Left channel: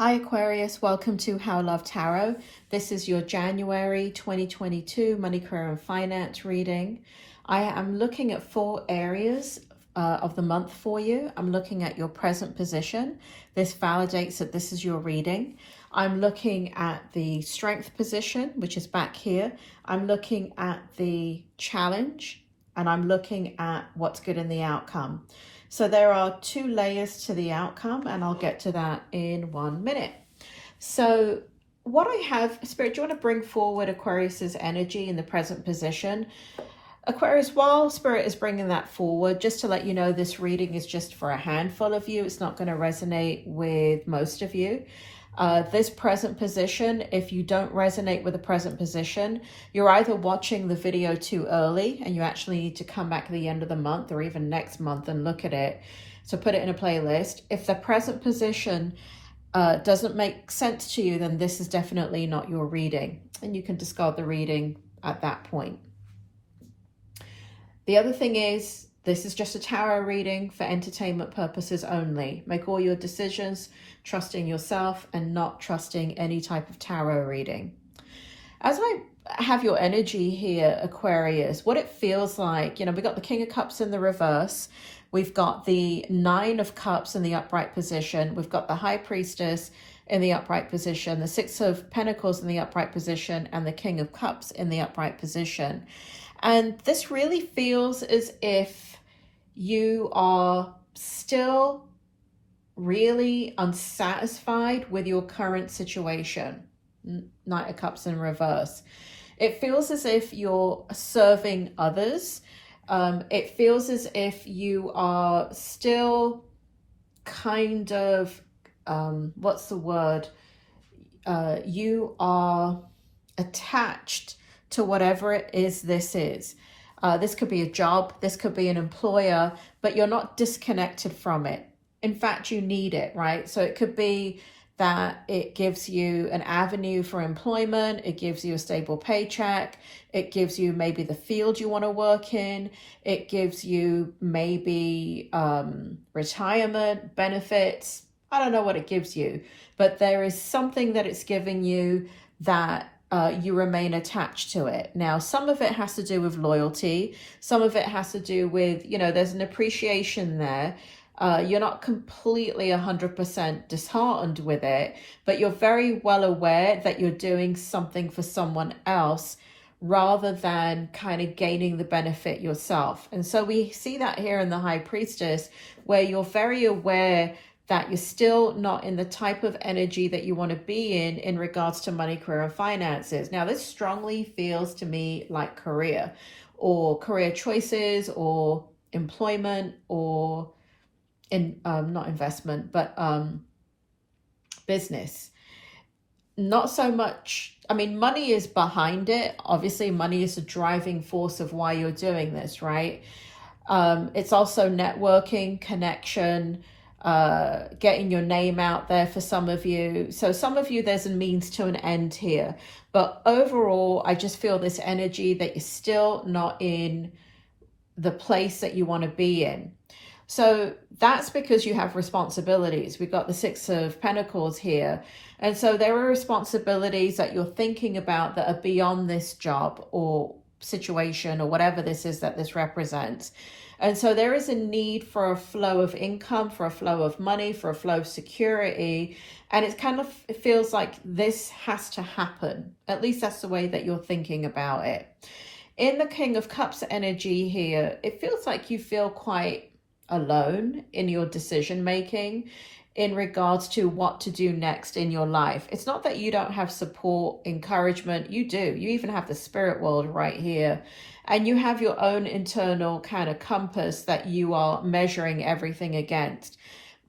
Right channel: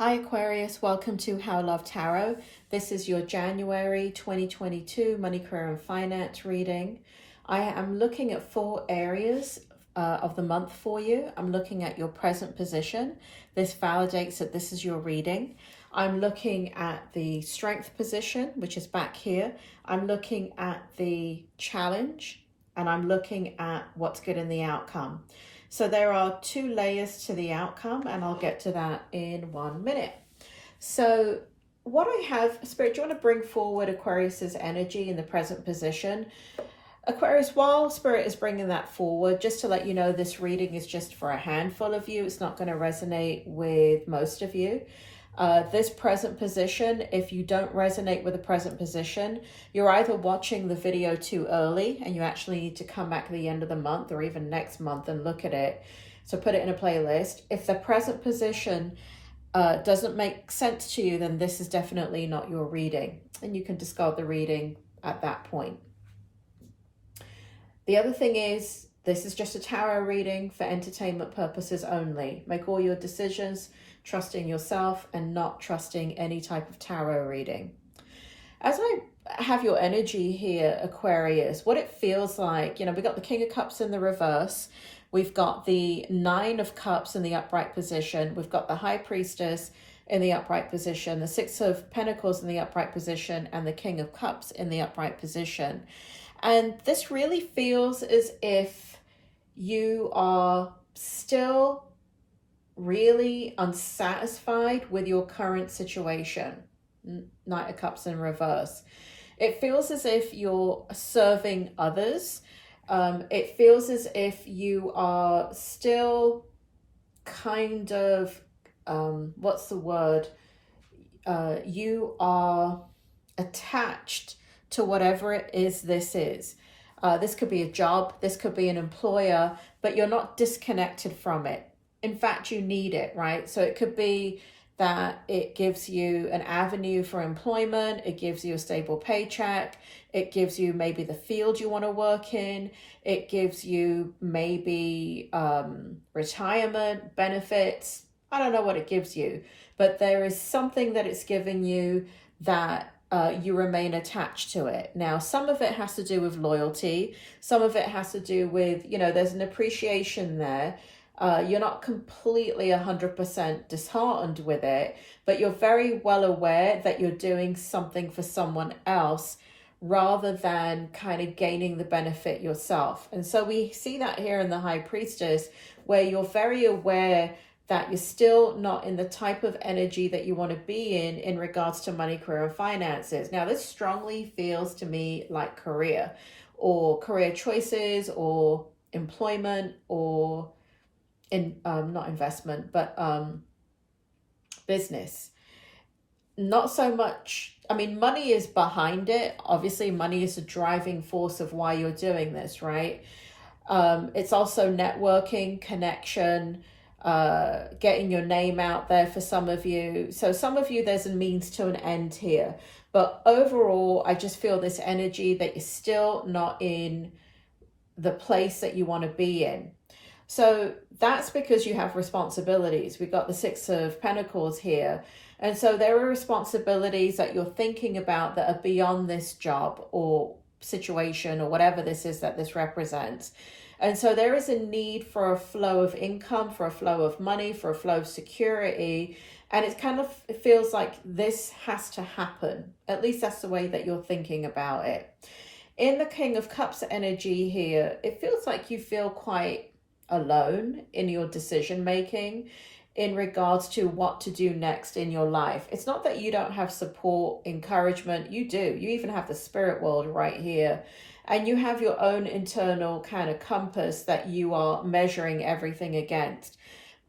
Hi Aquarius, welcome to How I Love Tarot. This is your January 2022 Money, Career and Finance reading. I am looking at 4 areas of the month for you. I'm looking at your present position. This validates that this is your reading. I'm looking at the strength position, which is back here. I'm looking at the challenge, and I'm looking at what's good in the outcome. So there are 2 layers to the outcome, and I'll get to that in 1 minute. So what I have, Spirit, do you want to bring forward Aquarius's energy in the present position? Aquarius, while Spirit is bringing that forward, just to let you know, this reading is just for a handful of you. It's not going to resonate with most of you. This present position, if you don't resonate with the present position, you're either watching the video too early and you actually need to come back at the end of the month or even next month and look at it. So put it in a playlist. If the present position doesn't make sense to you, then this is definitely not your reading, and you can discard the reading at that point. The other thing is, this is just a tarot reading for entertainment purposes only. Make all your decisions trusting yourself and not trusting any type of tarot reading. As I have your energy here, Aquarius, what it feels like, we've got the King of Cups in the reverse. We've got the 9 of Cups in the upright position. We've got the High Priestess in the upright position, the 6 of Pentacles in the upright position, and the King of Cups in the upright position. And this really feels as if you are still really unsatisfied with your current situation. Knight of Cups in reverse. It feels as if you're serving others. It feels as if you are still kind of, what's the word? You are attached to whatever it is this is. This could be a job, this could be an employer, but you're not disconnected from it. In fact, you need it, right? So it could be that it gives you an avenue for employment, it gives you a stable paycheck, it gives you maybe the field you want to work in, it gives you maybe retirement benefits. I don't know what it gives you, but there is something that it's giving you that you remain attached to it. Now, some of it has to do with loyalty. Some of it has to do with, there's an appreciation there. You're not completely 100% disheartened with it, but you're very well aware that you're doing something for someone else rather than kind of gaining the benefit yourself. And so we see that here in the High Priestess, where you're very aware that you're still not in the type of energy that you want to be in regards to money, career, and finances. Now, this strongly feels to me like career, or career choices, or employment, or not investment, but business. Not so much, money is behind it. Obviously, money is a driving force of why you're doing this, right? It's also networking, connection, getting your name out there for some of you. So some of you, there's a means to an end here. But overall, I just feel this energy that you're still not in the place that you want to be in. So that's because you have responsibilities. We've got the 6 of Pentacles here. And so there are responsibilities that you're thinking about that are beyond this job or situation or whatever this is that this represents. And so there is a need for a flow of income, for a flow of money, for a flow of security. And it feels like this has to happen. At least that's the way that you're thinking about it. In the King of Cups energy here, it feels like you feel quite alone in your decision making in regards to what to do next in your life. It's not that you don't have support, encouragement. You do. You even have the spirit world right here. And you have your own internal kind of compass that you are measuring everything against.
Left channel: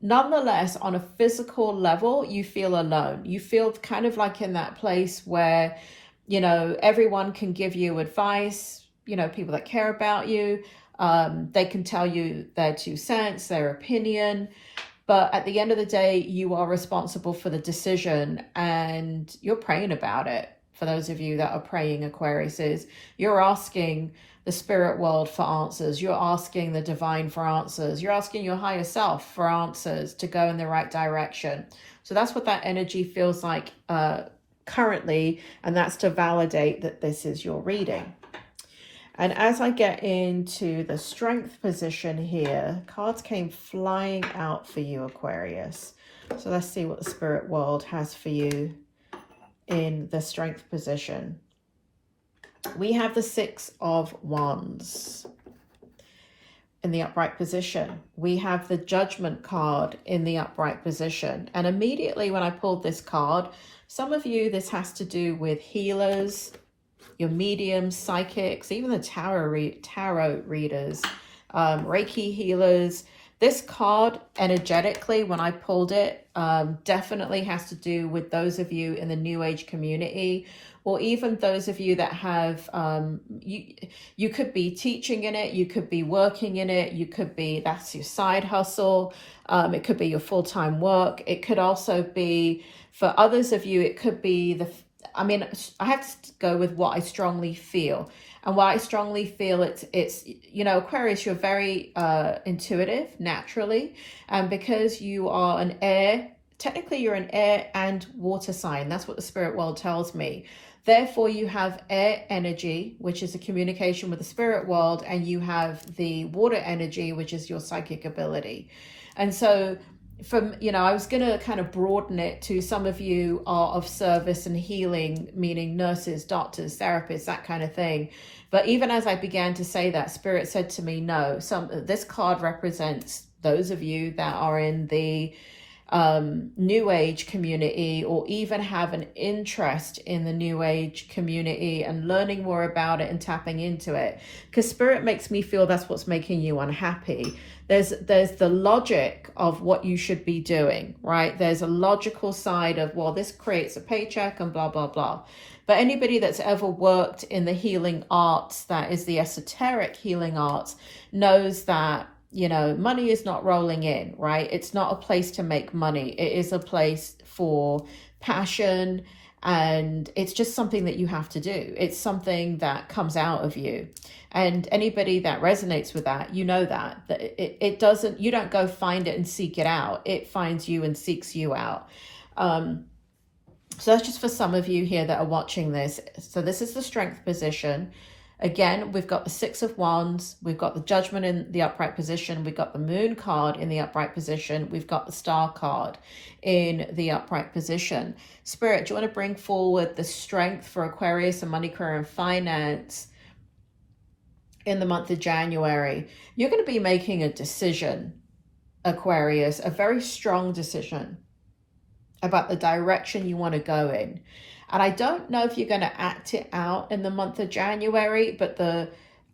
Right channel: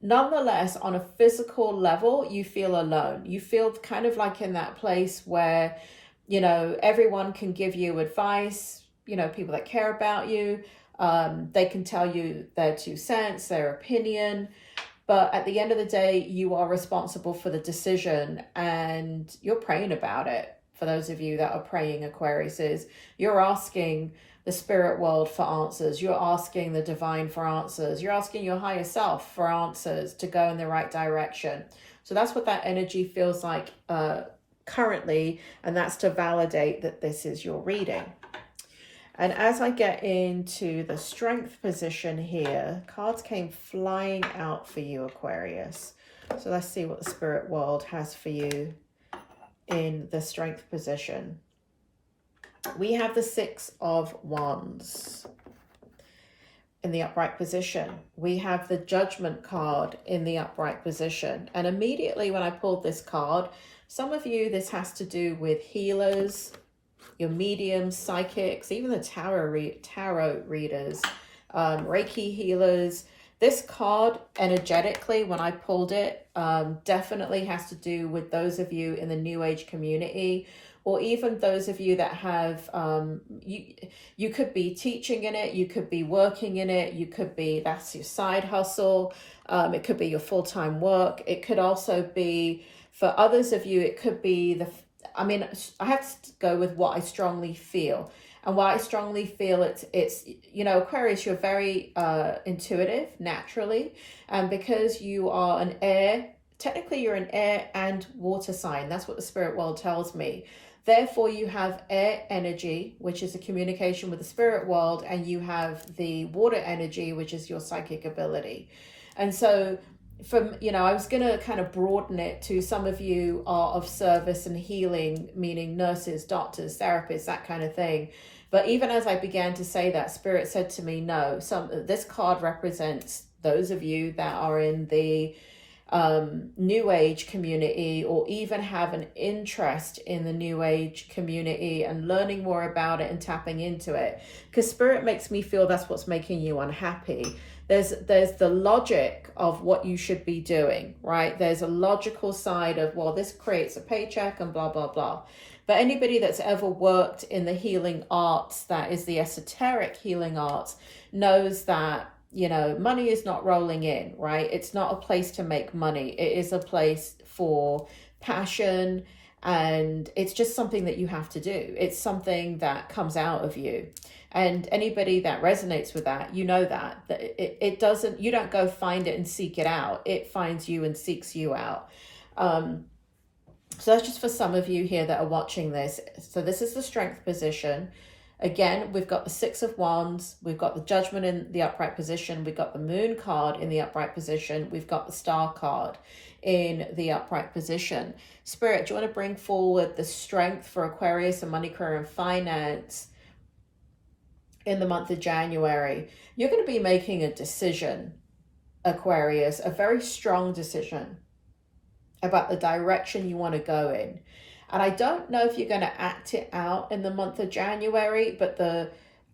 Nonetheless, on a physical level, you feel alone. You feel kind of like in that place where, everyone can give you advice, people that care about you. They can tell you their 2 cents, their opinion. But at the end of the day, you are responsible for the decision and you're praying about it for those of you that are praying, Aquarius, is you're asking the spirit world for answers. You're asking the divine for answers. You're asking your higher self for answers to go in the right direction. So that's what that energy feels like currently, and that's to validate that this is your reading. And as I get into the strength position here, cards came flying out for you, Aquarius. So let's see what the spirit world has for you in the strength position. We have the Six of Wands in the upright position. We have the Judgment card in the upright position. And immediately when I pulled this card, some of you, this has to do with healers, your mediums, psychics, even the tarot readers, Reiki healers. This card, energetically, when I pulled it, definitely has to do with those of you in the New Age community, or even those of you that have, you could be teaching in it, you could be working in it, you could be, that's your side hustle, it could be your full-time work. It could also be, for others of you, it could be I have to go with what I strongly feel. And what I strongly feel, it's you know, Aquarius, you're very intuitive naturally. And because you are an air, technically you're an air and water sign. That's what the spirit world tells me. Therefore, you have air energy, which is a communication with the spirit world, and you have the water energy, which is your psychic ability. And so from, you know, I was going to kind of broaden it to some of you are of service and healing, meaning nurses, doctors, therapists, that kind of thing. But even as I began to say that, Spirit said to me, no, this card represents those of you that are in the New Age community, or even have an interest in the New Age community and learning more about it and tapping into it. Because Spirit makes me feel that's what's making you unhappy. There's the logic of what you should be doing, right? There's a logical side of, well, this creates a paycheck and blah, blah, blah. But anybody that's ever worked in the healing arts, that is the esoteric healing arts, knows that, you know, money is not rolling in, right? It's not a place to make money. It is a place for passion, and it's just something that you have to do. It's something that comes out of you. And anybody that resonates with that, you know that it doesn't, you don't go find it and seek it out. It finds you and seeks you out. So that's just for some of you here that are watching this. So this is the strength position. Again, we've got the Six of Wands, we've got the Judgment in the upright position, we've got the Moon card in the upright position, we've got the Star card in the upright position. Spirit, do you want to bring forward the strength for Aquarius and money, career, and finance in the month of January? You're going to be making a decision, Aquarius, a very strong decision about the direction you want to go in. And I don't know if you're going to act it out in the month of January, but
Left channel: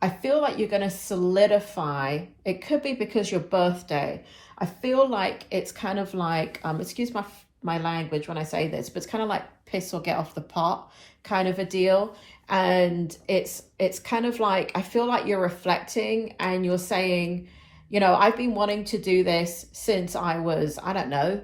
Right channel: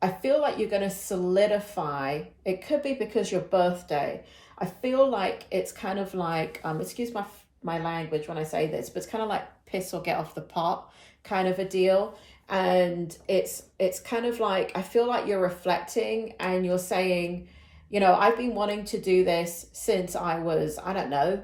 I feel like you're going to solidify. It could be because your birthday. I feel like it's kind of like, excuse my language when I say this, but it's kind of like piss or get off the pot kind of a deal. And it's kind of like, I feel like you're reflecting and you're saying, you know, I've been wanting to do this since I was, I don't know,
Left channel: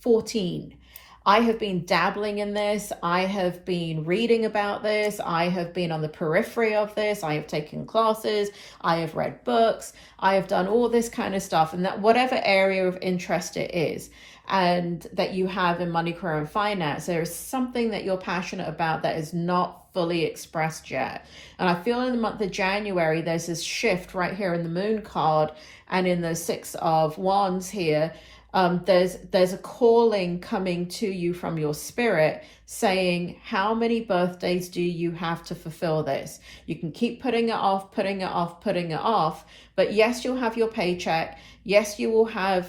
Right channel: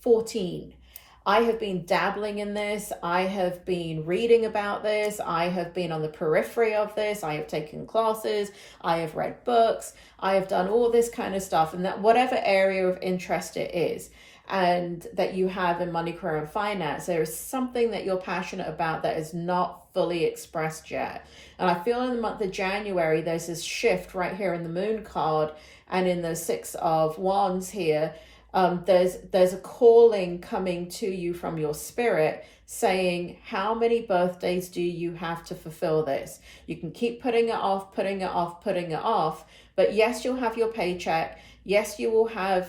14. I have been dabbling in this. I have been reading about this. I have been on the periphery of this. I have taken classes. I have read books. I have done all this kind of stuff. And that whatever area of interest it is, and that you have in money, career, and finance, there is something that you're passionate about that is not fully expressed yet. And I feel in the month of January, there's this shift right here in the Moon card and in the Six of Wands here. There's a calling coming to you from your spirit saying, how many birthdays do you have to fulfill this? You can keep putting it off, putting it off, putting it off. But yes, you'll have your paycheck. Yes, you will have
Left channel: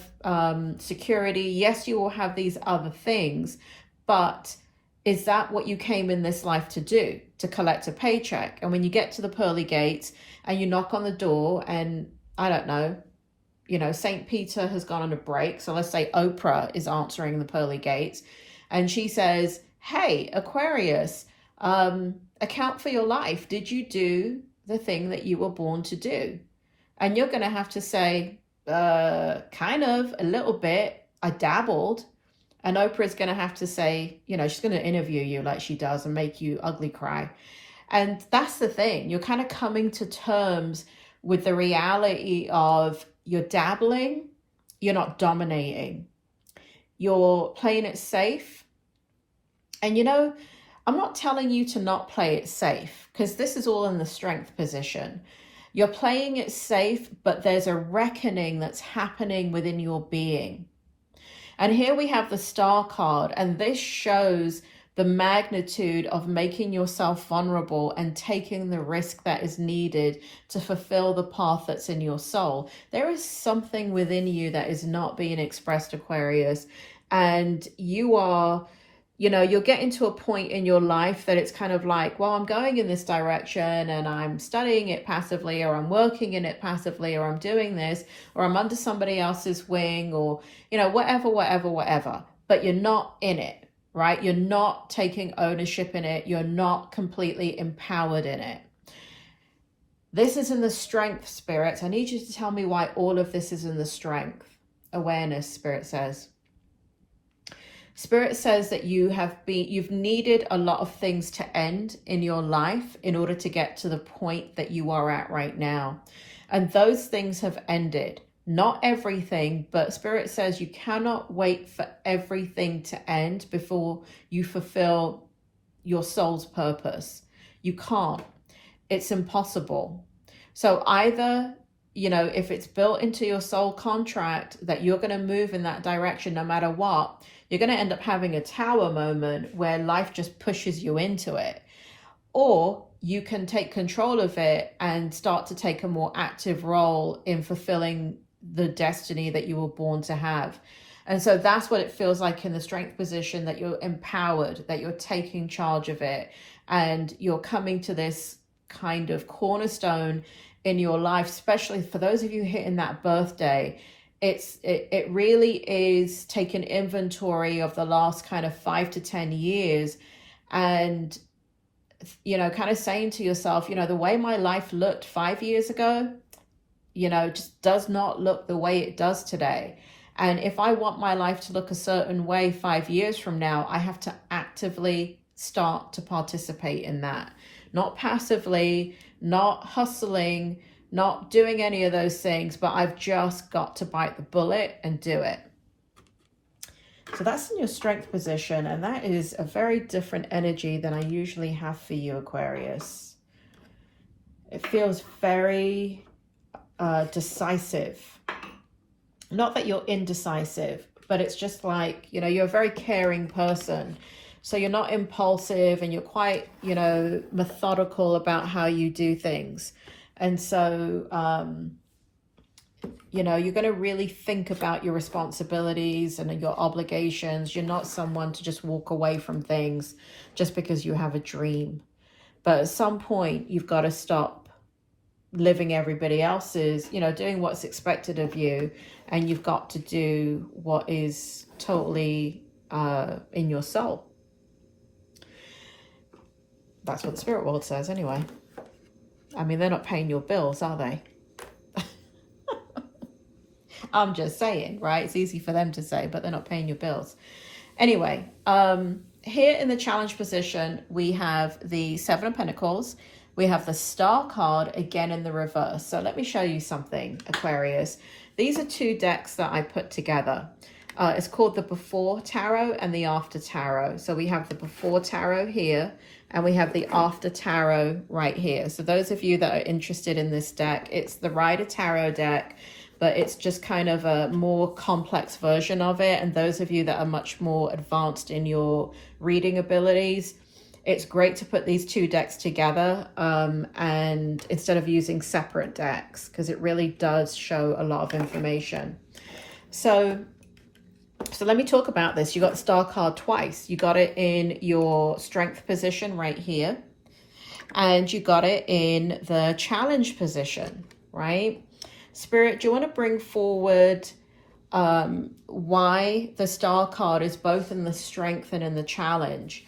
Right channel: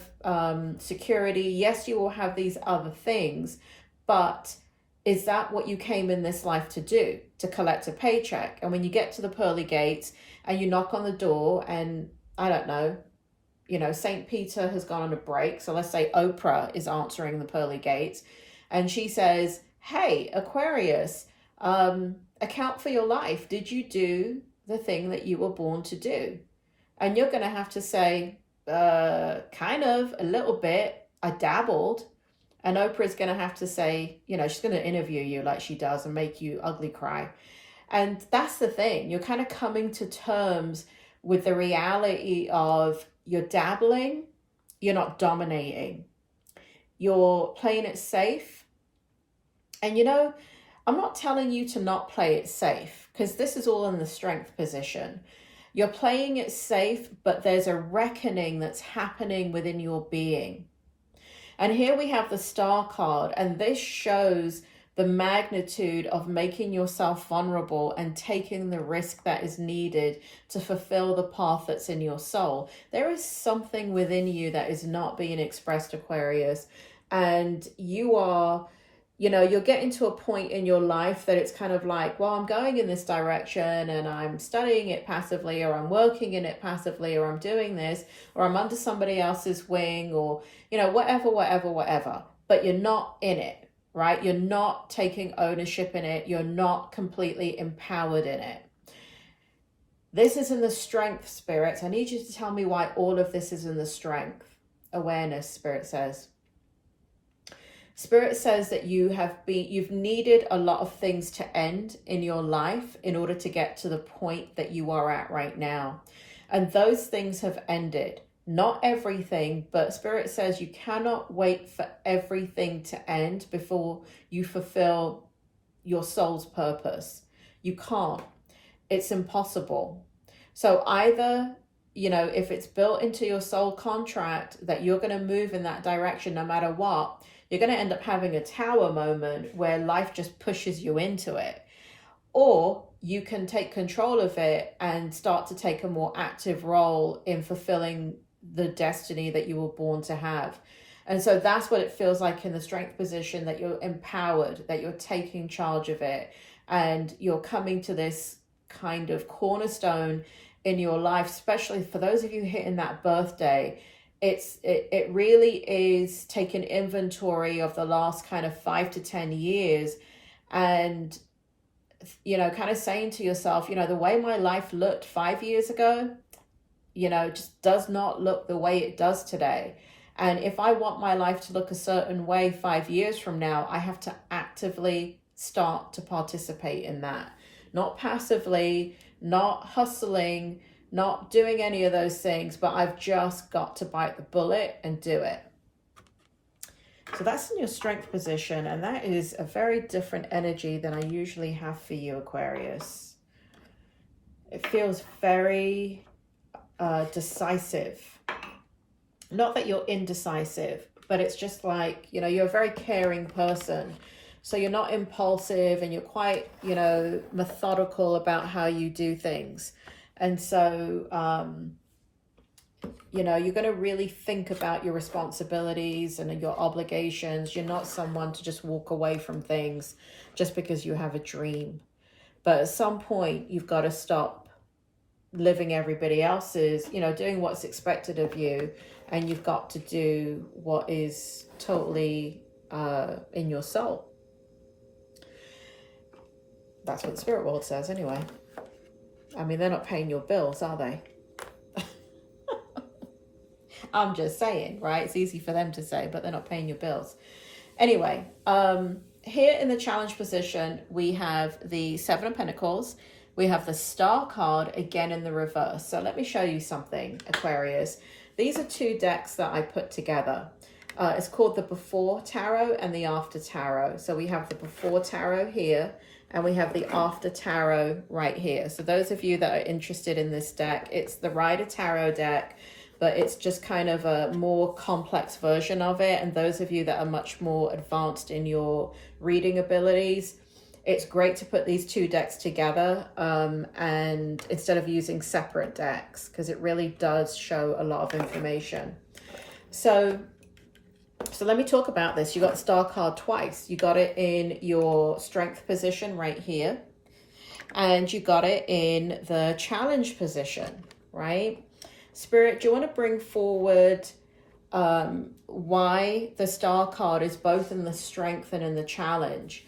security. Yes, you will have these other things. But is that what you came in this life to do? To collect a paycheck? And when you get to the pearly gates and you knock on the door and, I don't know, you know, St. Peter has gone on a break. So let's say Oprah is answering the pearly gates and she says, hey, Aquarius, account for your life. Did you do the thing that you were born to do? And you're going to have to say, kind of, a little bit. I dabbled. And Oprah's going to have to say, you know, she's going to interview you like she does and make you ugly cry. And that's the thing. You're kind of coming to terms with the reality of you're dabbling, you're not dominating. You're playing it safe. And you know, I'm not telling you to not play it safe, because this is all in the strength position. You're playing it safe, but there's a reckoning that's happening within your being. And here we have the Star card, and this shows the magnitude of making yourself vulnerable and taking the risk that is needed to fulfill the path that's in your soul. There is something within you that is not being expressed, Aquarius, and you are, you know, you're getting to a point in your life that it's kind of like, well, I'm going in this direction and I'm studying it passively, or I'm working in it passively, or I'm doing this, or I'm under somebody else's wing, or, you know, whatever, but you're not in it. Right? You're not taking ownership in it. You're not completely empowered in it. This is in the strength, spirits. I need you to tell me why all of this is in the strength. Awareness, spirit says. Spirit says that you've needed a lot of things to end in your life in order to get to the point that you are at right now. And those things have ended. Not everything, but Spirit says you cannot wait for everything to end before you fulfill your soul's purpose. You can't. It's impossible. So either, you know, if it's built into your soul contract that you're going to move in that direction no matter what, you're going to end up having a tower moment where life just pushes you into it. Or you can take control of it and start to take a more active role in fulfilling the destiny that you were born to have. And so that's what it feels like in the strength position, that you're empowered, that you're taking charge of it, and you're coming to this kind of cornerstone in your life, especially for those of you hitting that birthday. It really is taking inventory of the last kind of 5 to 10 years, and, you know, kind of saying to yourself, you know, the way my life looked 5 years ago, you know, just does not look the way it does today. And if I want my life to look a certain way 5 years from now, I have to actively start to participate in that. Not passively, not hustling, not doing any of those things, but I've just got to bite the bullet and do it. So that's in your strength position, and that is a very different energy than I usually have for you, Aquarius. It feels very decisive. Not that you're indecisive, but it's just like, you know, you're a very caring person. So you're not impulsive, and you're quite, you know, methodical about how you do things. And so, you know, you're going to really think about your responsibilities and your obligations. You're not someone to just walk away from things just because you have a dream. But at some point, you've got to stop living everybody else's, you know, doing what's expected of you, and you've got to do what is totally in your soul. That's what the spirit world says anyway. I mean, they're not paying your bills, are they? I'm just saying, right? It's easy for them to say, but they're not paying your bills. Anyway, here in the challenge position, we have the Seven of Pentacles. We have the Star card again in the reverse. So let me show you something, Aquarius. These are two decks that I put together. It's called the Before Tarot and the After Tarot. So we have the Before Tarot here, and we have the After Tarot right here. So those of you that are interested in this deck, it's the Rider Tarot deck, but it's just kind of a more complex version of it. And those of you that are much more advanced in your reading abilities, it's great to put these two decks together, and instead of using separate decks, because it really does show a lot of information. So let me talk about this. You got the Star card twice. You got it in your strength position right here, and you got it in the challenge position, right? Spirit, do you want to bring forward why the Star card is both in the strength and in the challenge?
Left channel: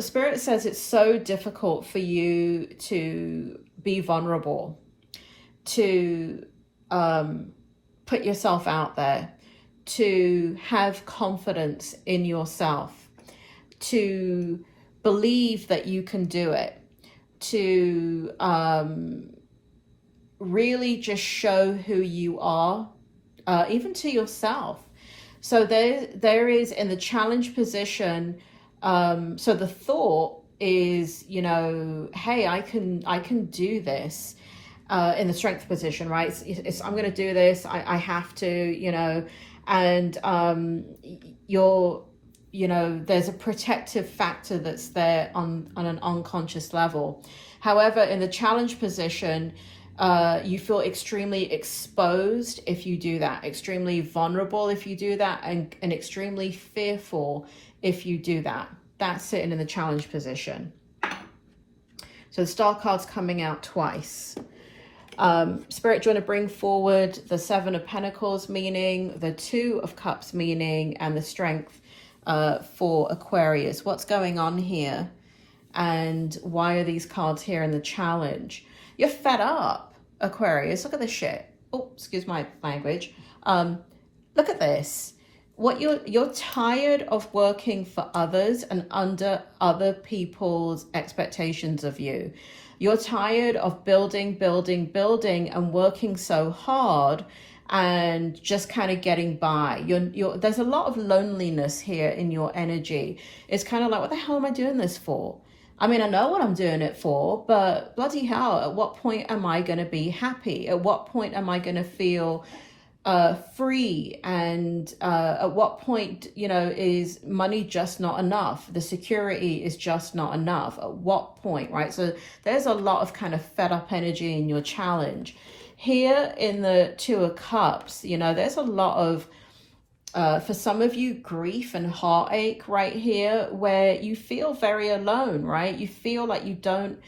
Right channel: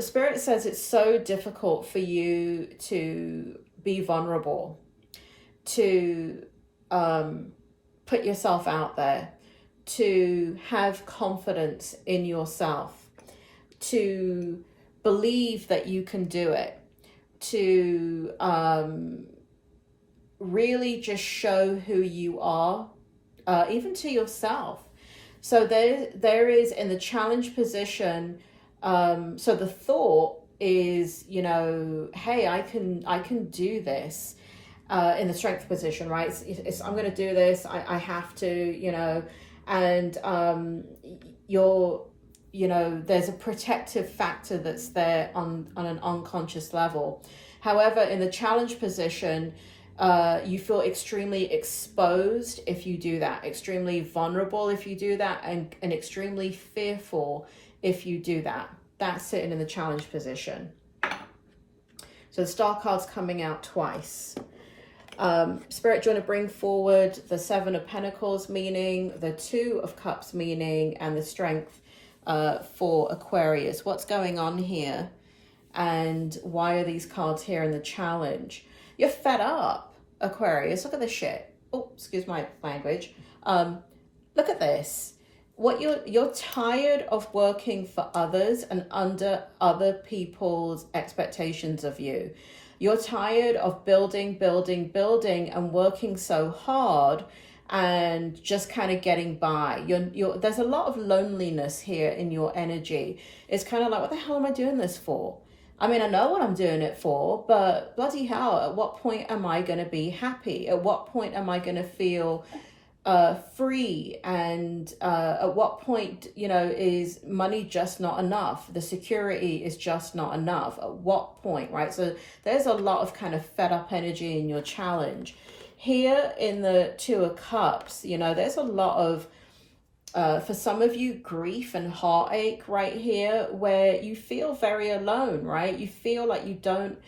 Spirit says it's so difficult for you to be vulnerable, to put yourself out there, to have confidence in yourself, to believe that you can do it, to really just show who you are, even to yourself. So there is in the challenge position, so the thought is, you know, hey, I can do this. In the strength position, right? I'm going to do this. I have to, you know, and you know, there's a protective factor that's there on an unconscious level. However, in the challenge position, you feel extremely exposed if you do that, extremely vulnerable if you do that, and extremely fearful if you do that. That's sitting in the challenge position. So the star card's coming out twice. Spirit, do you want to bring forward the Seven of Pentacles meaning, the Two of Cups meaning, and the Strength for Aquarius? What's going on here? And why are these cards here in the challenge? You're fed up, Aquarius. Look at this shit. Oh, excuse my language. Look at this. What you're tired of working for others and under other people's expectations of you. You're tired of building and working so hard and just kind of getting by. There's a lot of loneliness here in your energy. It's kind of like, what the hell am I doing this for? I mean, I know what I'm doing it for, but bloody hell, at what point am I going to be happy? At what point am I going to feel free? And at what point, you know, is money just not enough? The security is just not enough. At what point, right? So there's a lot of kind of fed up energy in your challenge. Here in the Two of Cups, you know, there's a lot of, for some of you, grief and heartache right here, where you feel very alone, right? You feel like you don't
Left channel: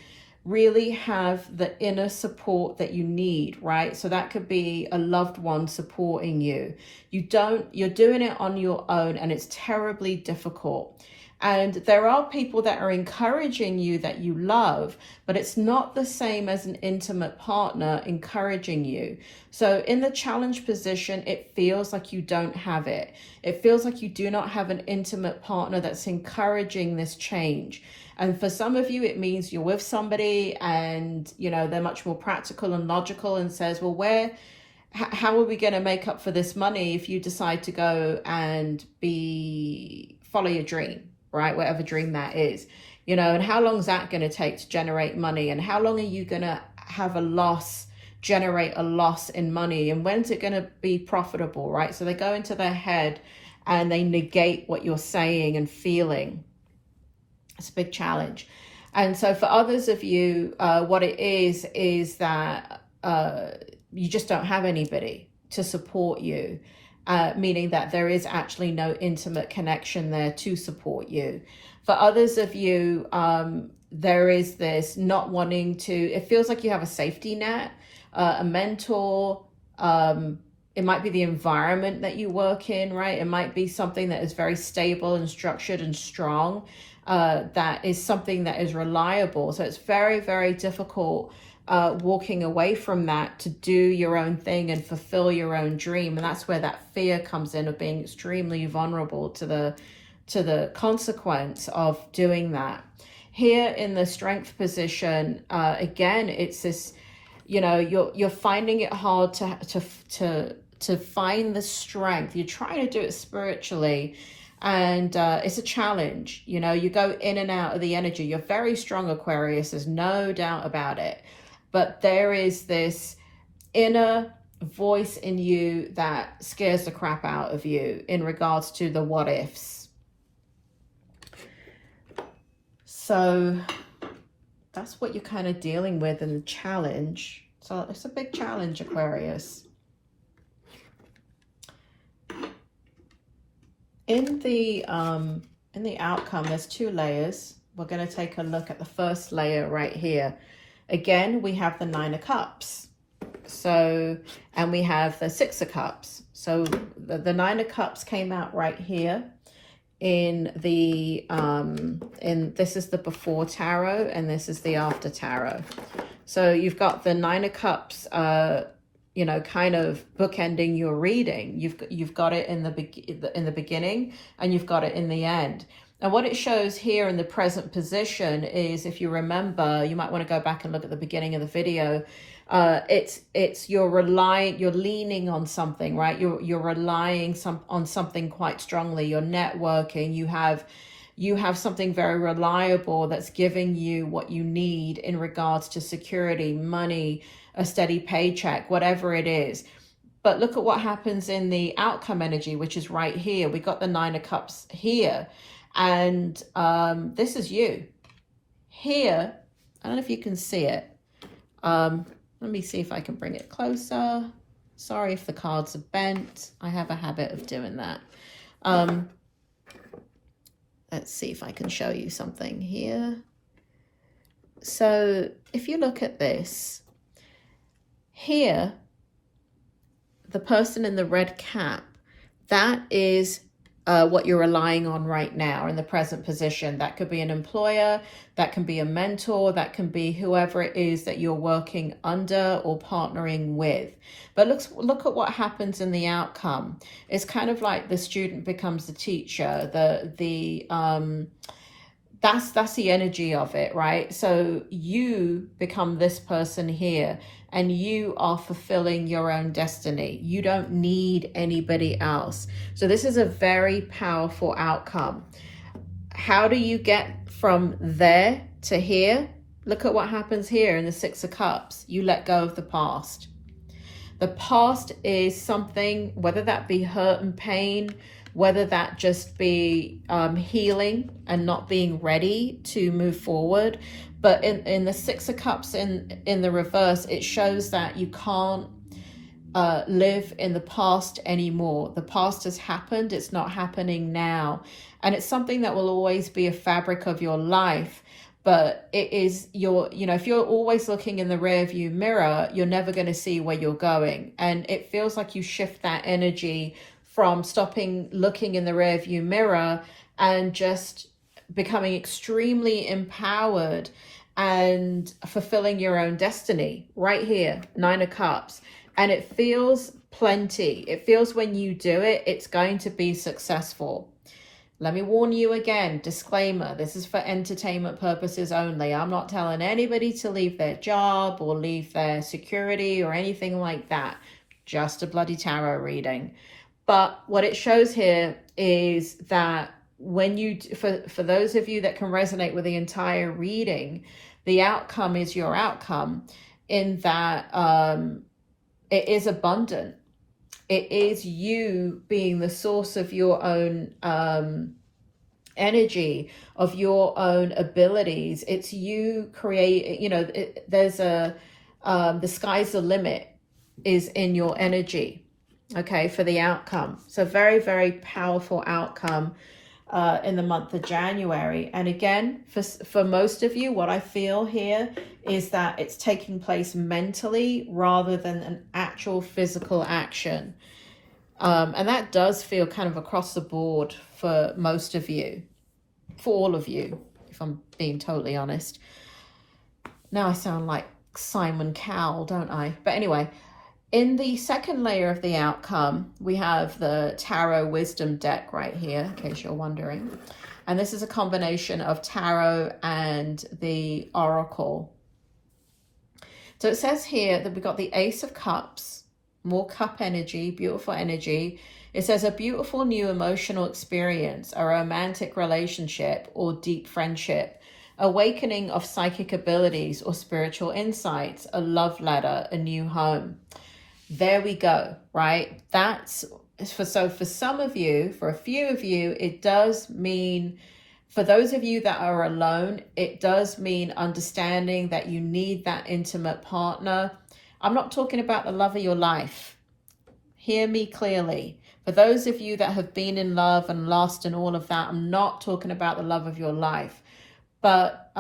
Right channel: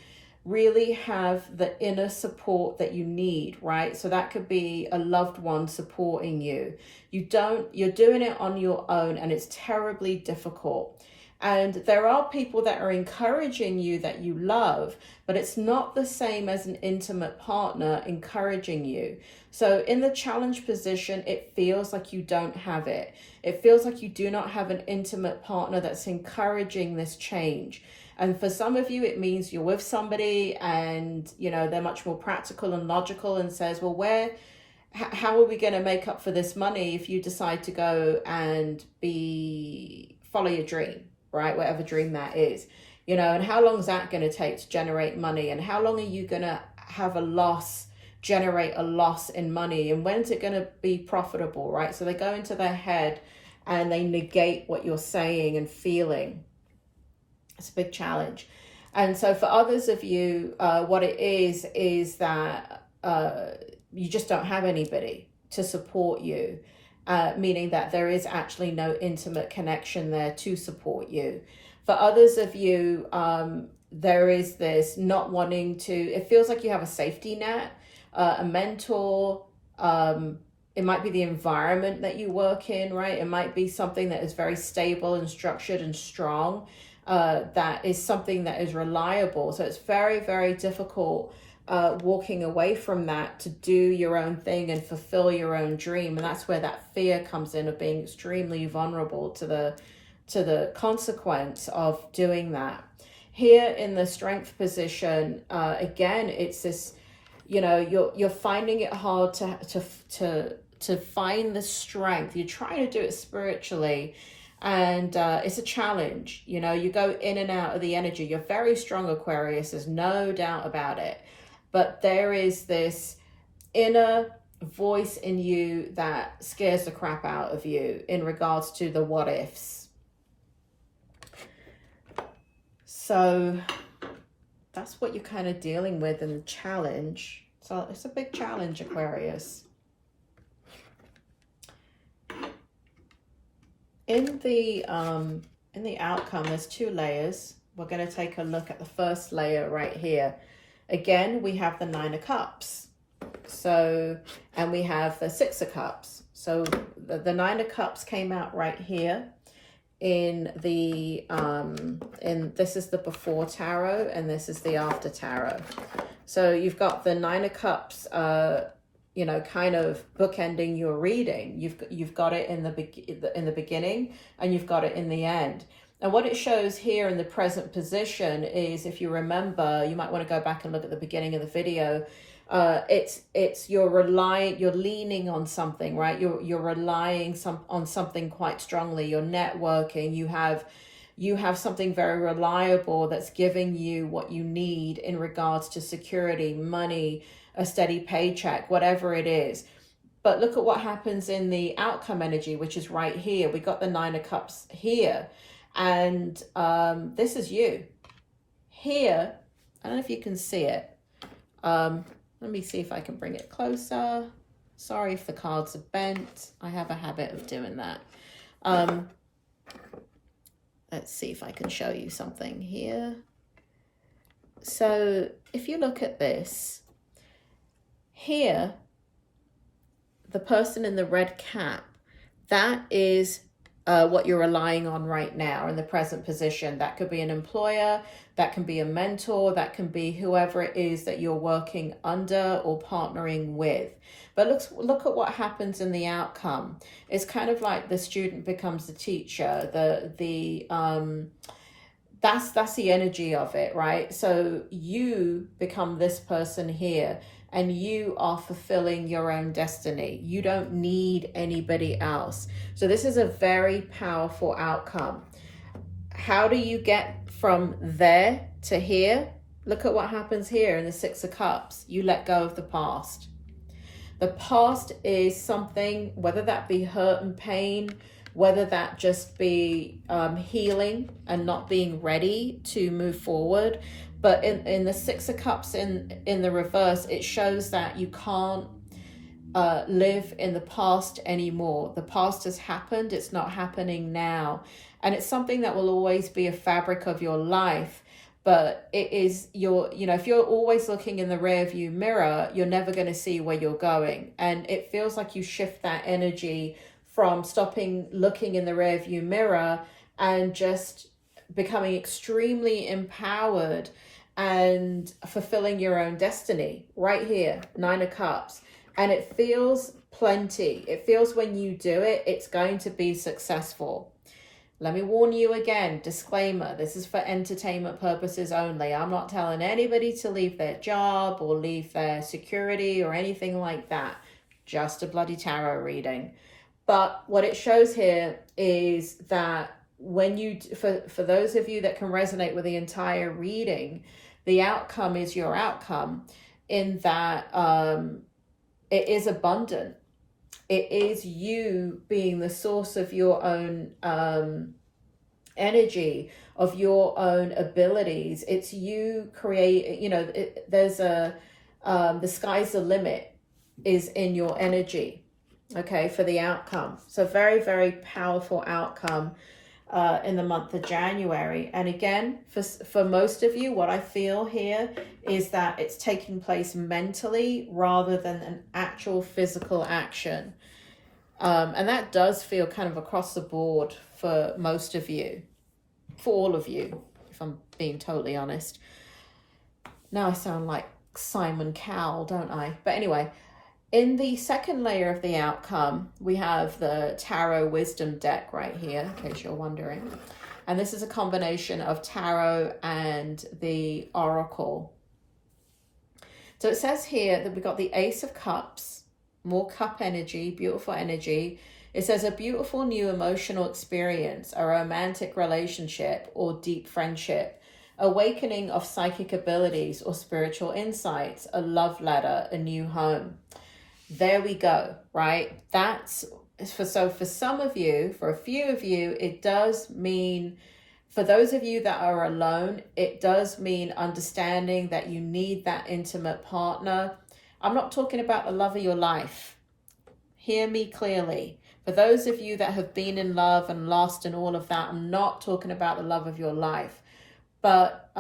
really have the inner support that you need, right? So that could be a loved one supporting you. You're doing it on your own, and it's terribly difficult. And there are people that are encouraging you that you love, but it's not the same as an intimate partner encouraging you. So in the challenge position, it feels like you don't have it. It feels like you do not have an intimate partner that's encouraging this change. And for some of you, it means you're with somebody and, you know, they're much more practical and logical and says, well, how are we going to make up for this money if you decide to go and follow your dream, right? Whatever dream that is, you know, and how long is that going to take to generate money? And how long are you going to have generate a loss in money? And when's it going to be profitable, right? So they go into their head and they negate what you're saying and feeling. It's a big challenge. And so for others of you, what it is that you just don't have anybody to support you, meaning that there is actually no intimate connection there to support you. For others of you, there is this not wanting to, it feels like you have a safety net, a mentor. It might be the environment that you work in, right? It might be something that is very stable and structured and strong. That is something that is reliable. So it's very, very difficult walking away from that to do your own thing and fulfill your own dream. And that's where that fear comes in, of being extremely vulnerable to the consequence of doing that. Here in the strength position, again, it's this, you know, you're finding it hard to find the strength. You're trying to do it spiritually. And it's a challenge, you know, you go in and out of the energy. You're very strong, Aquarius, there's no doubt about it. But there is this inner voice in you that scares the crap out of you in regards to the what ifs. So that's what you're kind of dealing with in the challenge. So it's a big challenge, Aquarius. In the outcome, there's two layers. We're going to take a look at the first layer right here. Again, we have the Nine of Cups. So, and we have the Six of Cups. So the Nine of Cups came out right here in the, this is the before tarot and this is the after tarot. So you've got the Nine of Cups you know, kind of bookending your reading. You've got it in the beginning, and you've got it in the end. And what it shows here in the present position is, if you remember, you might want to go back and look at the beginning of the video. It's you're leaning on something, right? You're relying on something quite strongly. You're networking. You have something very reliable that's giving you what you need in regards to security, money, a steady paycheck, whatever it is. But look at what happens in the outcome energy, which is right here. We got the Nine of Cups here. And this is you. Here, I don't know if you can see it. Let me see if I can bring it closer. Sorry if the cards are bent. I have a habit of doing that. Let's see if I can show you something here. So if you look at this, here, the person in the red cap, that is what you're relying on right now in the present position. That could be an employer, that can be a mentor, that can be whoever it is that you're working under or partnering with. But look at what happens in the outcome. It's kind of like the student becomes the teacher. That's the energy of it, right? So you become this person here, and you are fulfilling your own destiny. You don't need anybody else. So this is a very powerful outcome. How do you get from there to here? Look at what happens here in the Six of Cups. You let go of the past. The past is something, whether that be hurt and pain, whether that just be healing and not being ready to move forward. But in the Six of Cups in the reverse, it shows that you can't live in the past anymore. The past has happened. It's not happening now. And it's something that will always be a fabric of your life. But it is if you're always looking in the rear view mirror, you're never going to see where you're going. And it feels like you shift that energy from stopping looking in the rear view mirror and just becoming extremely empowered and fulfilling your own destiny right here, Nine of Cups. And it feels plenty. It feels when you do it, it's going to be successful. Let me warn you again, disclaimer, this is for entertainment purposes only. I'm not telling anybody to leave their job or leave their security or anything like that. Just a bloody tarot reading. But what it shows here is that when you, for those of you that can resonate with the entire reading, the outcome is your outcome in that it is abundant. It is you being the source of your own energy, of your own abilities. It's you create, there's the sky's the limit is in your energy, okay, for the outcome. So very, very powerful outcome in the month of January. And again, for most of you, what I feel here is that it's taking place mentally rather than an actual physical action. And that does feel kind of across the board for most of you, for all of you, if I'm being totally honest. Now I sound like Simon Cowell, don't I? But anyway, in the second layer of the outcome, we have the Tarot Wisdom deck right here, in case you're wondering. And this is a combination of Tarot and the Oracle. So it says here that we've got the Ace of Cups, more cup energy, beautiful energy. It says a beautiful new emotional experience, a romantic relationship or deep friendship, awakening of psychic abilities or spiritual insights, a love letter, a new home. There we go, right? That's for some of you, for a few of you, it does mean, for those of you that are alone, it does mean understanding that you need that intimate partner. I'm not talking about the love of your life. Hear me clearly. For those of you that have been in love and lost and all of that, I'm not talking about the love of your life. But,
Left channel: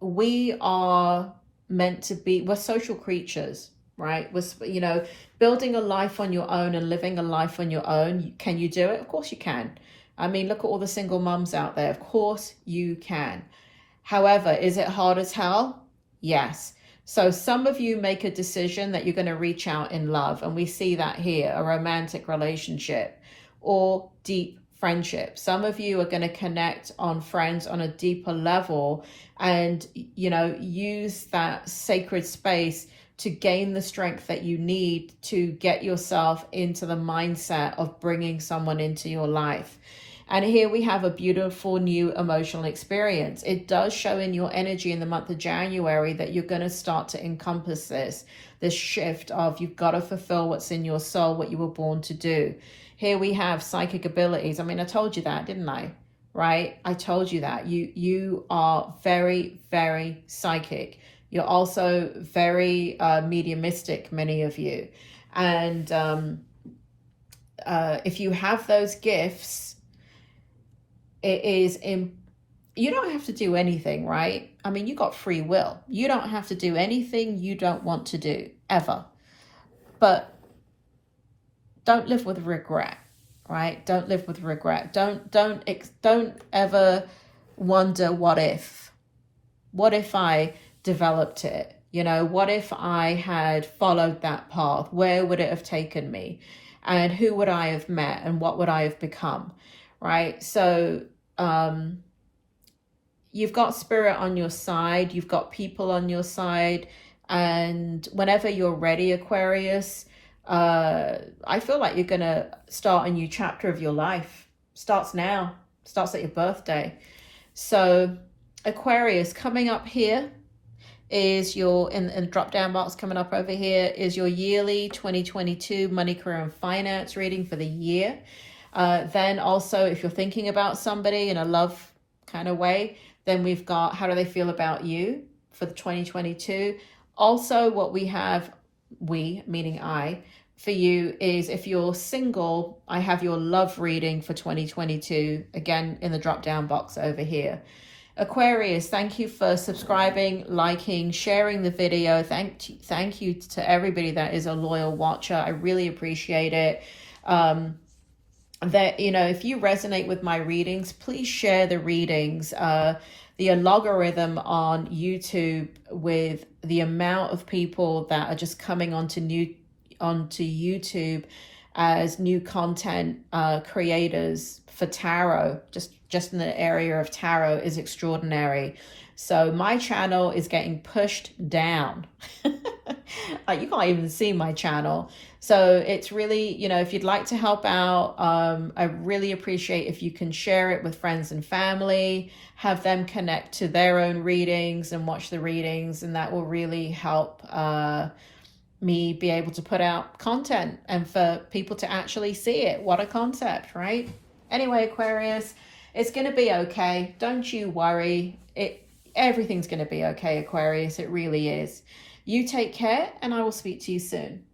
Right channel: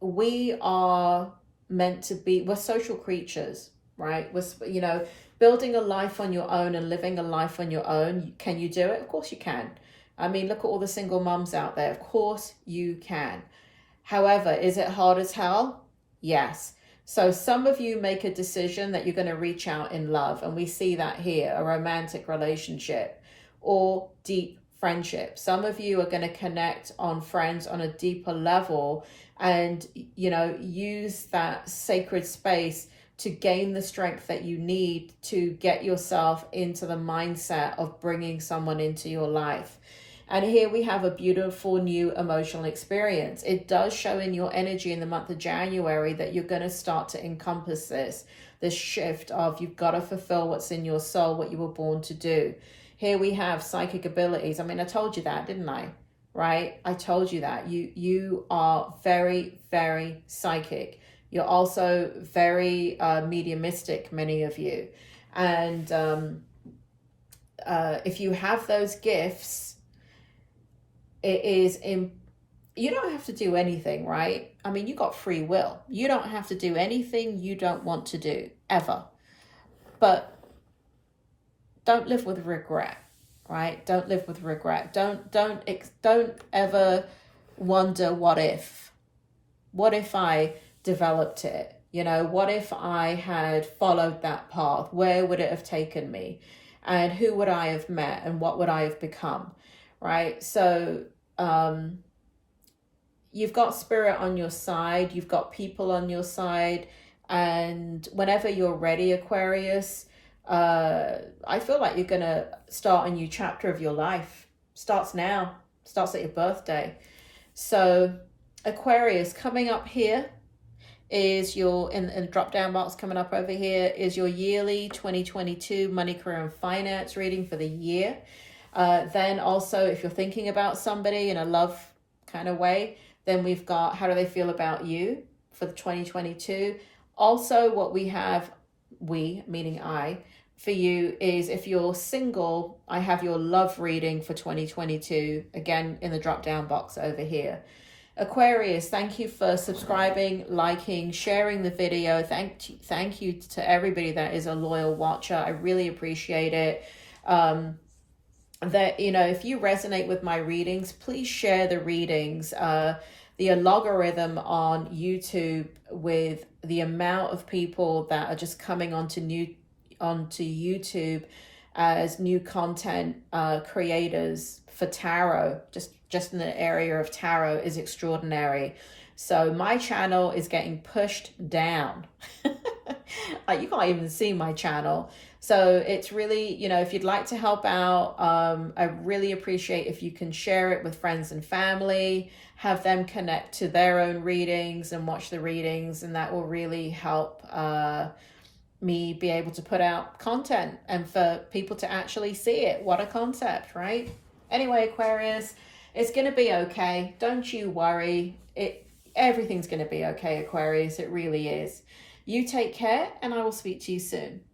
we are meant to be, we're social creatures, right? We're, building a life on your own and living a life on your own. Can you do it? Of course you can. I mean, look at all the single mums out there. Of course you can. However, is it hard as hell? Yes. So some of you make a decision that you're going to reach out in love, and we see that here, a romantic relationship or deep friendship. Some of you are going to connect on friends on a deeper level and, you know, use that sacred space to gain the strength that you need to get yourself into the mindset of bringing someone into your life. And here we have a beautiful new emotional experience. It does show in your energy in the month of January that you're going to start to encompass this shift of you've got to fulfill what's in your soul, what you were born to do. Here we have psychic abilities. I mean, I told you that, didn't I? Right? I told you that. You are very, very psychic. You're also very mediumistic, many of you. And if you have those gifts, it is you don't have to do anything, right? I mean, you got free will. You don't have to do anything you don't want to do, ever. But don't live with regret, right? Don't live with regret. Don't ever wonder what if I developed it? You know, what if I had followed that path? Where would it have taken me? And who would I have met? And what would I have become? Right? So you've got spirit on your side. You've got people on your side. And whenever you're ready, Aquarius, I feel like you're going to start a new chapter of your life. Starts now. Starts at your birthday. So Aquarius, coming up here is your, in the drop down box coming up over here, is your yearly 2022 money, career and finance reading for the year. Then also, if you're thinking about somebody in a love kind of way, then we've got how do they feel about you for the 2022. Also, what we have, we, meaning I, for you is if you're single, I have your love reading for 2022, again, in the drop down box over here. Aquarius, thank you for subscribing, liking, sharing the video. Thank you to everybody that is a loyal watcher. I really appreciate it. That, you know, if you resonate with my readings, please share the readings. The algorithm on YouTube, with the amount of people that are just coming onto YouTube as new content creators for tarot, just in the area of tarot, is extraordinary. So my channel is getting pushed down. Like, you can't even see my channel. So it's really, you know, if you'd like to help out, I really appreciate if you can share it with friends and family, have them connect to their own readings and watch the readings, and that will really help me be able to put out content and for people to actually see it. What a concept, right? Anyway, Aquarius, it's going to be okay. Don't you worry. Everything's going to be okay, Aquarius. It really is. You take care, and I will speak to you soon.